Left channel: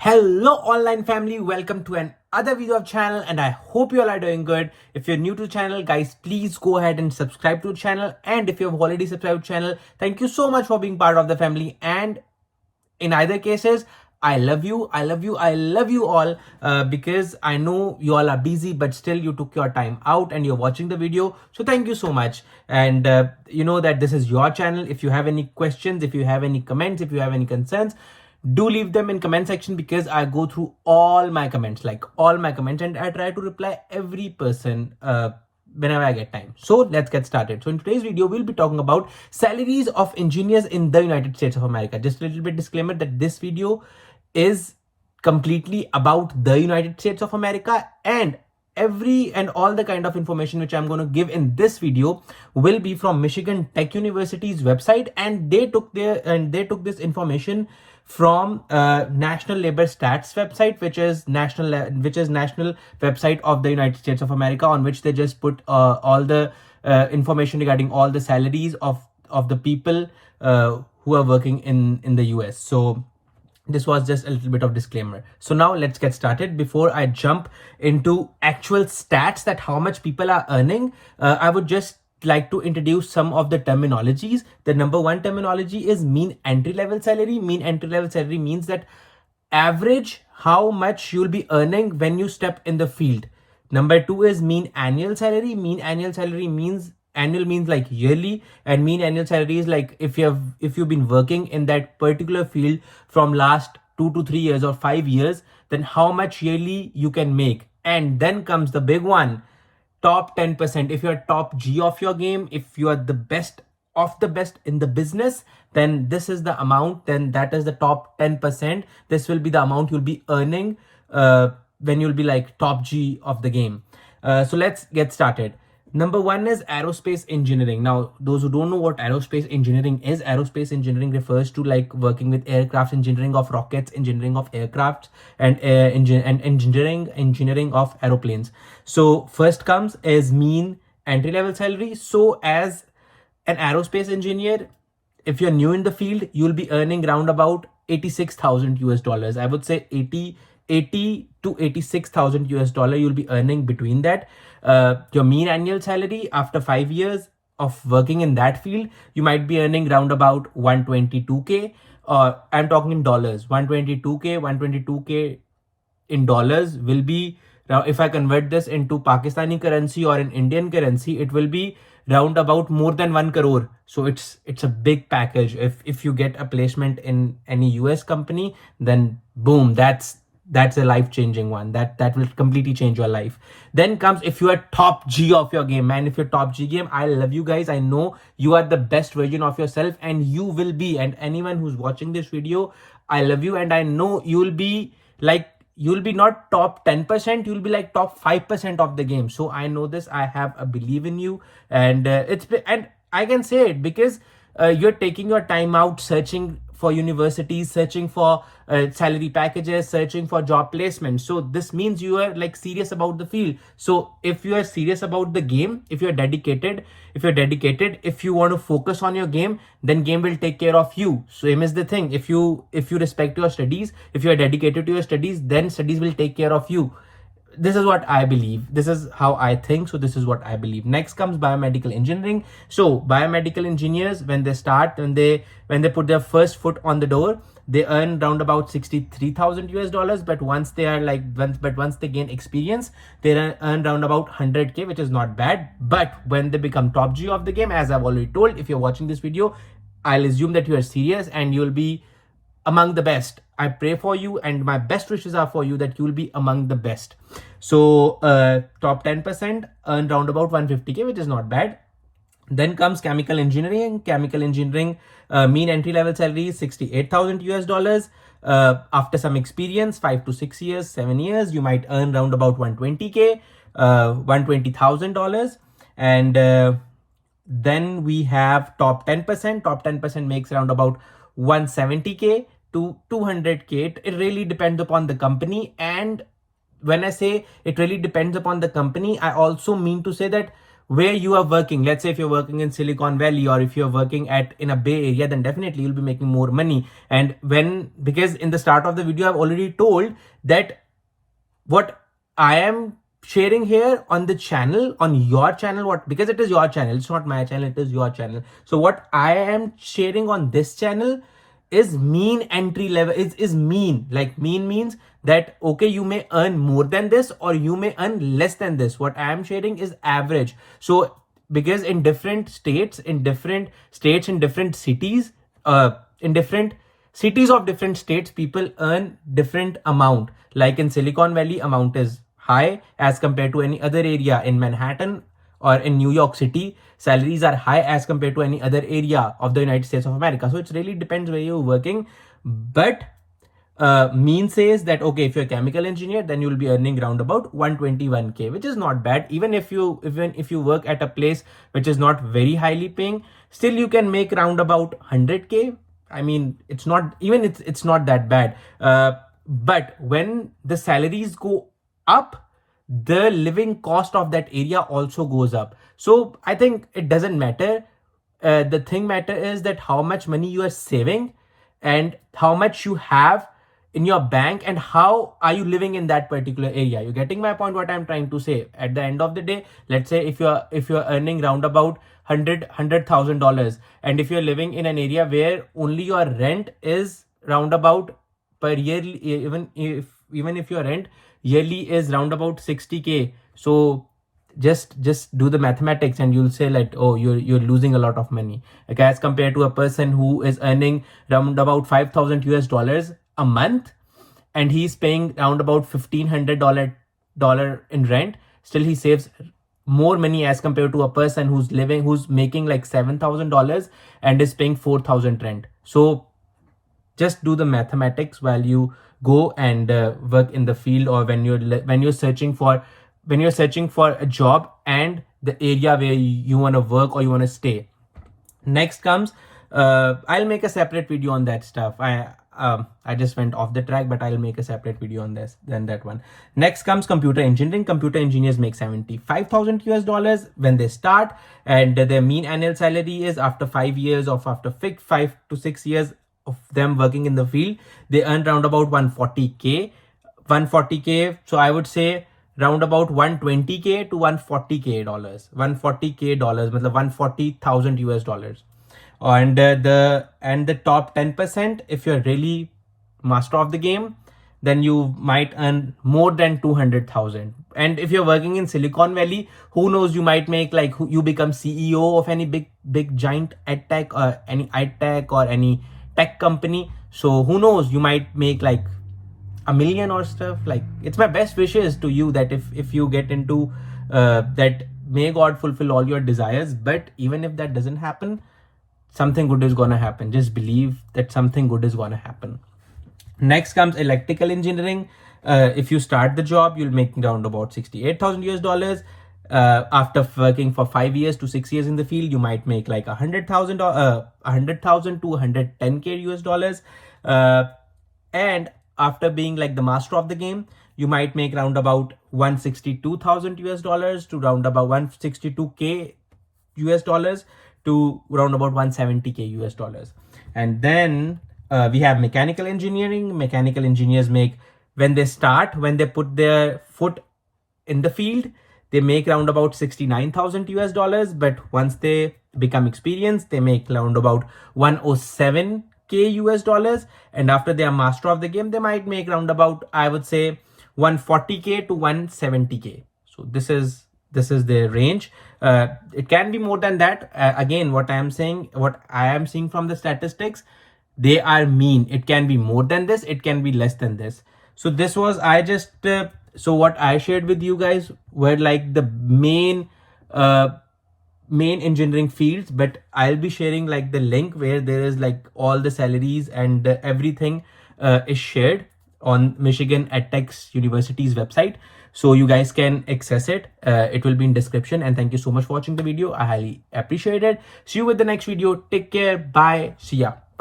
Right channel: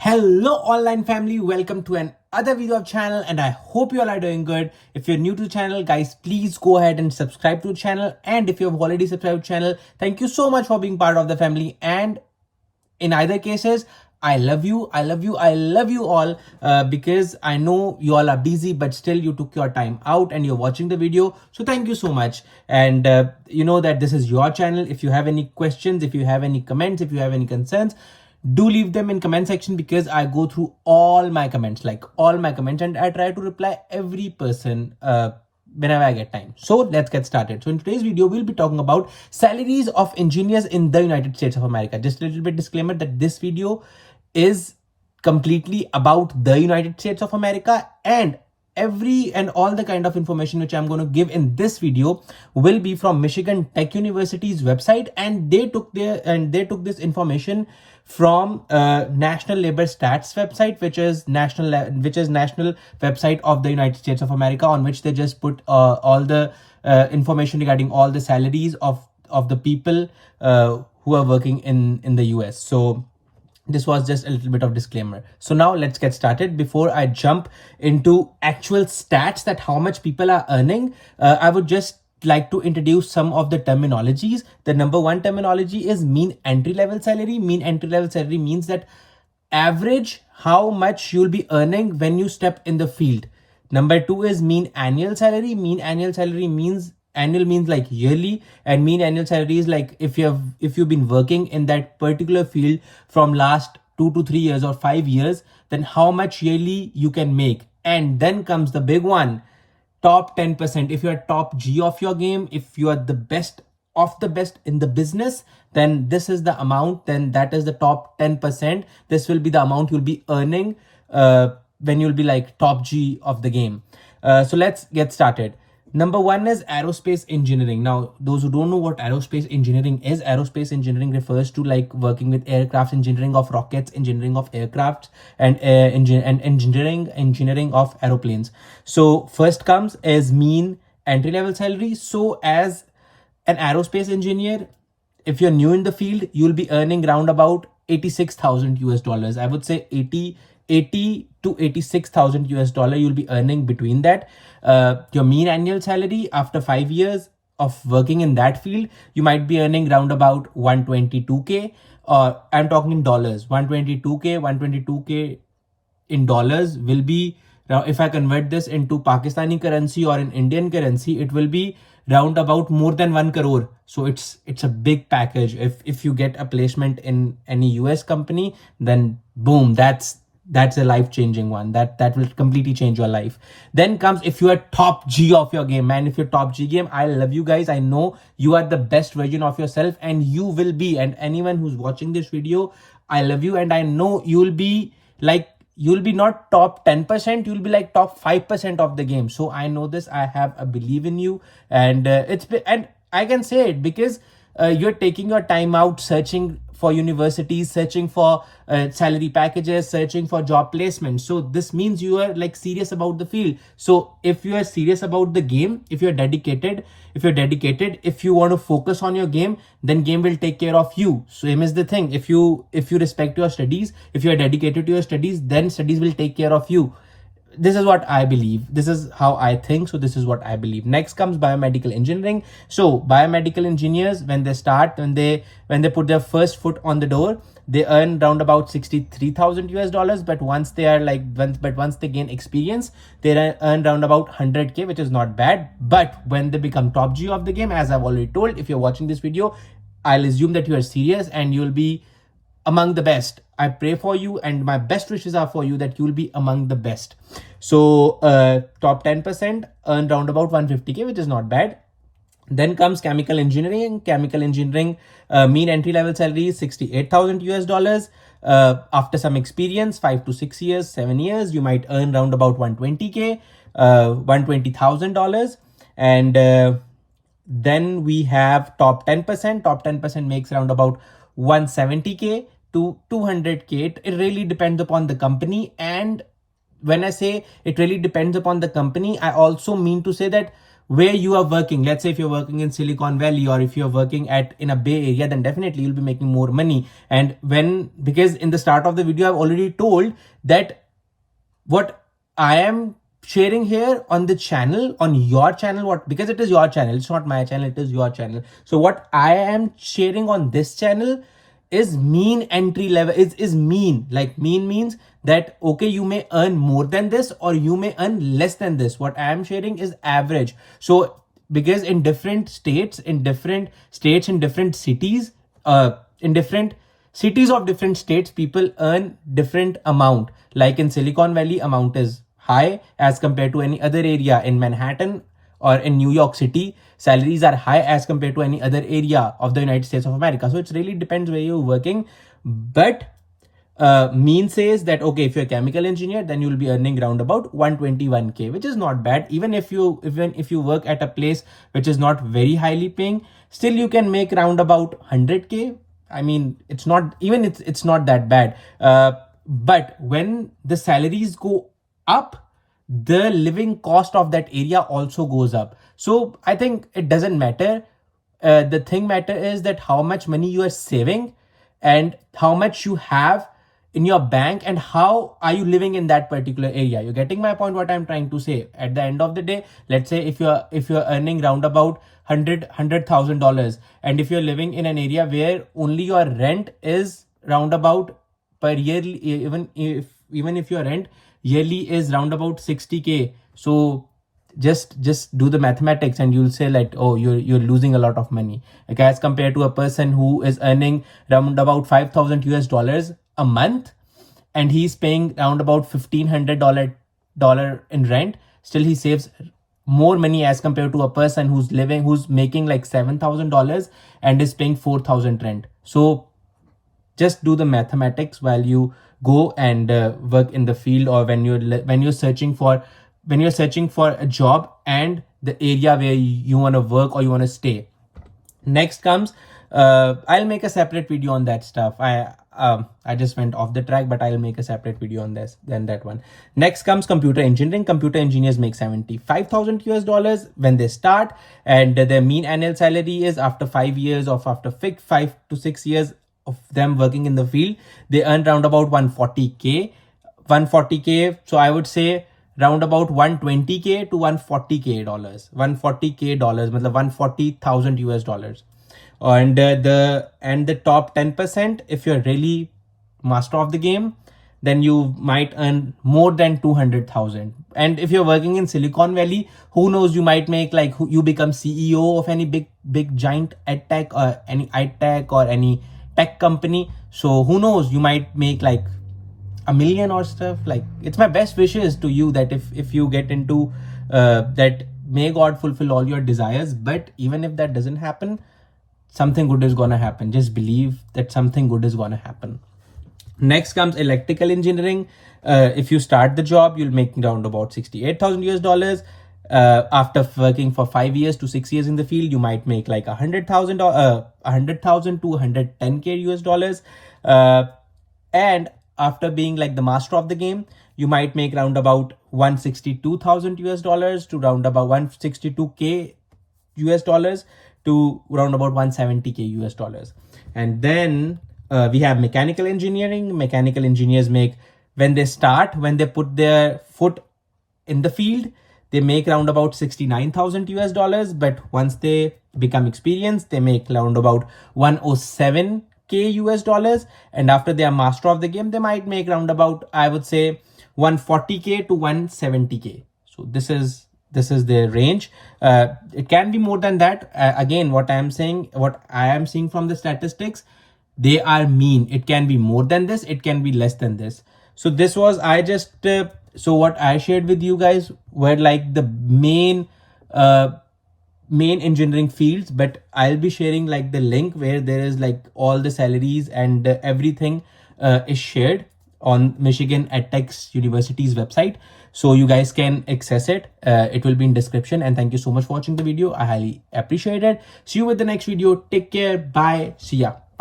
Hello online family, welcome to another video of channel and I hope you all are doing good. If you're new to the channel, guys, please go ahead and subscribe to the channel, and if you have already subscribed to the channel, thank you so much for being part of the family. And in either cases, I love you, I love you, I love you all, because I know you all are busy, but still you took your time out and you're watching the video. So thank you so much. And you know that this is your channel. If you have any questions, if you have any comments, if you have any concerns, do leave them in comment section, because I go through all my comments, and I try to reply every person whenever I get time. So let's get started. So in today's video, we'll be talking about salaries of engineers in the United States of America. Just a little bit disclaimer that this video is completely about the United States of America, and every and all the kind of information which I'm going to give in this video will be from Michigan Tech University's website, and they took this information from National Labor Stats website, which is national website of the United States of America, on which they just put all the information regarding all the salaries of the people who are working in the US. So this was just a little bit of disclaimer. So now let's get started. Before I jump into actual stats that how much people are earning, I would just like to introduce some of the terminologies. The number one terminology is mean entry level salary. Mean entry level salary means that average how much you'll be earning when you step in the field. Number two is mean annual salary. Mean annual salary means annual means like yearly, and mean annual salary is like if you've been working in that particular field from last 2 to 3 years or 5 years, then how much yearly you can make. And then comes the big one, top 10%. If you're top G of your game, if you are the best of the best in the business, then this is the amount, then that is the top 10%. This will be the amount you'll be earning when you'll be like top G of the game. So let's get started. Number one is aerospace engineering. Now, those who don't know what aerospace engineering is, aerospace engineering refers to like working with aircraft, engineering of rockets, engineering of aircraft, and engineering of aeroplanes. So first comes as mean entry level salary. So as an aerospace engineer, if you're new in the field, you'll be earning round about 86,000 US dollars. I would say 80 to 86,000 US dollar you'll be earning between that. Your mean annual salary after 5 years of working in that field, you might be earning round about 122k. I'm talking in dollars. 122k in dollars will be, now if I convert this into Pakistani currency or in Indian currency, it will be round about more than 1 crore. So it's a big package. If you get a placement in any US company, then boom, that's a life-changing one. That will completely change your life. Then comes if you are top G of your game, man. If you're top G game, I love you guys. I know you are the best version of yourself, and you will be. And anyone who's watching this video, I love you, and I know you'll be not top 10%, you'll be like top 5% of the game. So I know this. I have a belief in you, and and I can say it because you're taking your time out searching for universities, searching for salary packages, searching for job placement. So this means you are like serious about the field. So if you are serious about the game, if you're dedicated, if you want to focus on your game, then game will take care of you. Same is the thing. If you respect your studies, if you are dedicated to your studies, then studies will take care of you. This is what I believe. This is how I think. So this is what I believe. Next comes biomedical engineering. So biomedical engineers, when they put their first foot on the door, they earn round about 63,000 US dollars. But once they gain experience, they earn round about 100k, which is not bad. But when they become top G of the game, as I've already told, if you're watching this video, I'll assume that you are serious and you'll be among the best. I pray for you, and my best wishes are for you that you will be among the best. So top 10% earn round about 150k, which is not bad. Then comes chemical engineering. Chemical engineering mean entry level salary is 68,000 US dollars. After some experience, 5 to 6 years, 7 years, you might earn round about 120k, $120,000. And then we have top 10%. Top 10% makes around about 170k to 200k. It really depends upon the company. And when I say it really depends upon the company, I also mean to say that where you are working. Let's say if you're working in Silicon Valley, or if you're working in a Bay Area, then definitely you'll be making more money. And because in the start of the video, I've already told that what I am sharing here on the channel, on your channel, because it is your channel, it's not my channel, it is your channel. So what I am sharing on this channel is mean entry level, is mean. Like mean means that, okay, you may earn more than this or you may earn less than this. What I am sharing is average. So because in different states, in different cities, in different cities of different states, people earn different amount. Like in Silicon Valley, amount is high as compared to any other area. In Manhattan or in New York City, salaries are high as compared to any other area of the United States of America. So it really depends where you're working. But mean says that, okay, if you're a chemical engineer, then you'll be earning around about 121k, which is not bad. Even if you work at a place which is not very highly paying, still you can make around about 100k. I mean, it's not that bad. But when the salaries go up, the living cost of that area also goes up. So I think it doesn't matter. The thing matter is that how much money you are saving and how much you have in your bank, and how are you living in that particular area. You're getting my point, what I'm trying to say. At the end of the day, let's say if you're earning round about $100,000, and if you're living in an area where only your rent is round about per year, even if your rent yearly is round about 60k, so just do the mathematics and you'll say like, oh, you're losing a lot of money, okay, as compared to a person who is earning round about $5,000 a month, and he's paying round about $1,500 in rent. Still he saves more money as compared to a person who's making like $7,000 and is paying 4,000 rent. So just do the mathematics while you go and work in the field, or when you're searching for a job and the area where you want to work or you want to stay. Next comes, I'll make a separate video on that stuff. I just went off the track, but I'll make a separate video on this than that one. Next comes computer engineering. Computer engineers make $75,000 when they start, and their mean annual salary is, after 5 years of 5 to 6 years of them working in the field, they earn round about 140k. So I would say round about 120k to 140k dollars. 140k dollars, matlab $140,000. And the top 10%, if you're really master of the game, then you might earn more than 200,000. And if you're working in Silicon Valley, who knows, you might make like, you become CEO of any big giant edtech or any edtech or any tech company. So who knows, you might make like $1 million or stuff. Like, it's my best wishes to you that if you get into that, may God fulfill all your desires. But even if that doesn't happen, something good is gonna happen. Just believe that something good is gonna happen. Next comes electrical engineering. If you start the job, you'll make around about $68,000. After working for 5 years to 6 years in the field, you might make like $100,000 to $110k. And after being like the master of the game, you might make round about $162,000 to round about $162k to around about $170k. And then we have mechanical engineering. Mechanical engineers make, when they put their foot in the field, they make around about $69,000. But once they become experienced, they make around about $107k. And after they are master of the game, they might make around about, I would say, $140k to $170k. So this is the range. It can be more than that. Again, what I am seeing from the statistics, they are mean. It can be more than this, it can be less than this. So this was, so what I shared with you guys were like the main engineering fields, but I'll be sharing like the link where there is like all the salaries and everything is shared on Michigan EdTech University's website, so you guys can access it. It will be in description. And thank you so much for watching the video. I highly appreciate it. See you with the next video. Take care. Bye. See ya.